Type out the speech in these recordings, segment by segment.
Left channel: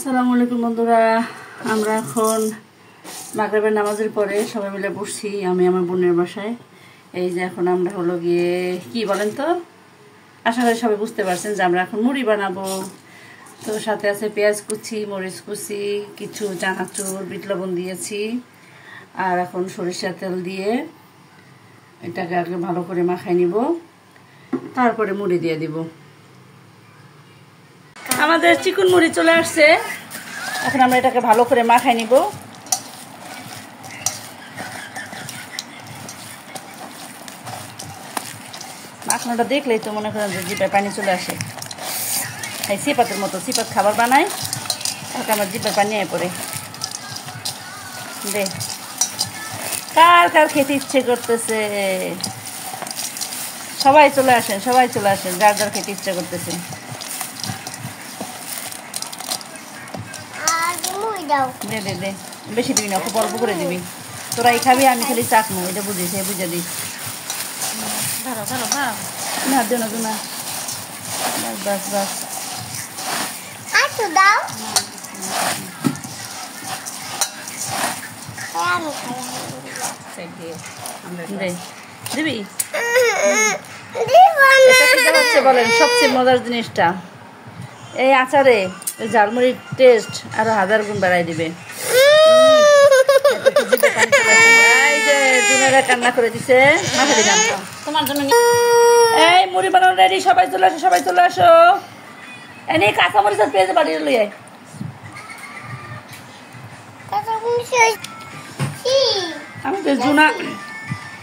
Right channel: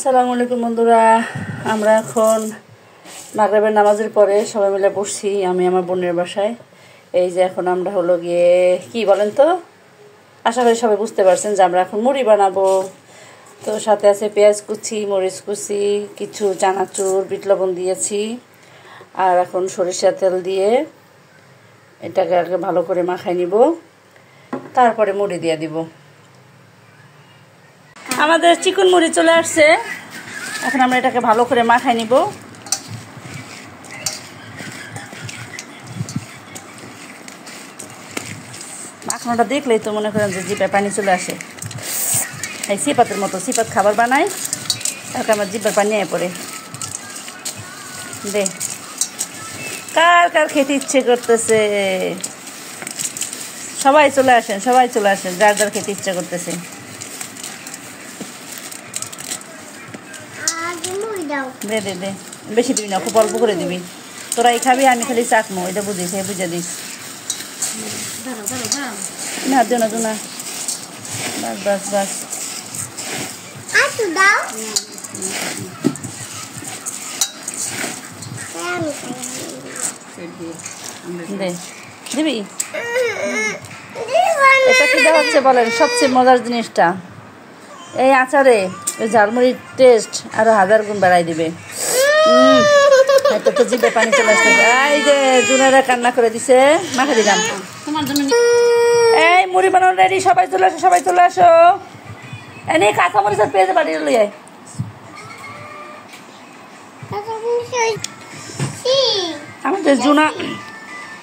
আসসালামু আলাইকুম বন্ধুরা, আমরা এখন মাগরিবের নামাজের পরে সবাই মিলে বসছি আমি আমার বোনের বাসায়। এই যে এখন আমরা হলো গিয়ে কি বলেন তো, আশা করি সবাই বুঝতে পারছেন যে আমরা এখন মুড়ি বানাবো। তো সাথে আছে পেঁয়াজ কুচি, মরিচ কুচি, কিছু চানাচুর, বিট লবণ দিয়েছি। আর এখন সরিষার তেল দিয়ে এটাকে আগে ভালো করে মাখাই নিব, তারপরে মুড়ি দিয়ে দিব। আমাদের চিকন মুড়ি চলে আসছে, এখন আমরা এটাকে ভালো করে মাখাই নিব। মাখানোটা দেখলেই তো মনে করেন যে জিভে পানি চলে আসে। এই সিপাতের মতো সিপাত খাবার বানাই, এখন আমার জিভের পানি আয় পড়ে। দে কার কার খেতে ইচ্ছে করতেছে, সবাই চলে আসেন, সবাই চলে আসেন, যার যার খেতে ইচ্ছে করতেছে। দে দে দে, বেশি দিবি না, খুব অল্প করে দিবি। তোরা এই খাবি, আমি খালি চাকমো, এটা বুঝিস, বুঝে দিস। না দে না, দে না, বাস বাস বাস। দে দিবি। এটা কি হচ্ছে বলেন সবচেয়ে মজার জিনিসটা, এই আচারে ঝালমুড়ির টেস্ট আরো 1000 গুণ বাড়াই দিবে। এত তো জিভে পানি চলে আসছে। এই যে জুনারা কান্না করে দিছে, মাখে দিলাম। এই মুড়ি বানানো রেডি, সবাই চলে আসো, সবাই চলে আসো। এনে কাঁচামরিচ আর পেঁয়াজ বাড়ি লই আয়।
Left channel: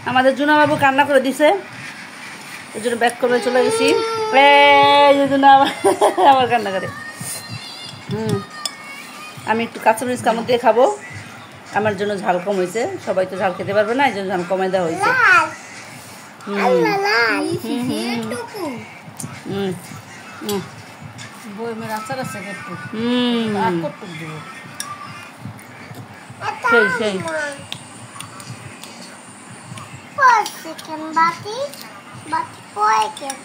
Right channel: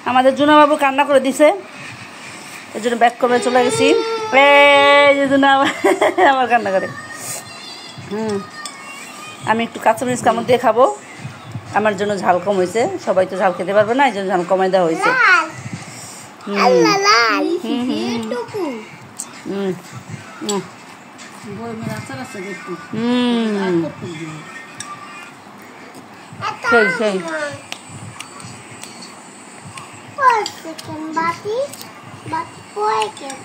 আমাদের জুনা বাবু কান্না করে দিছে, এই জন্য ব্যাক করে চলে গেছি। এই যে জুনা আবার কান্না করে। আমি একটু কাঁচামরিচ কামড় দিয়ে খাবো, আমার জন্য ঝাল কম হয়েছে, সবাই তো ঝাল খেতে পারবে না, এই জন্য ঝাল কমাই দেওয়া হয়েছে। সেই Batik, batik kue kan.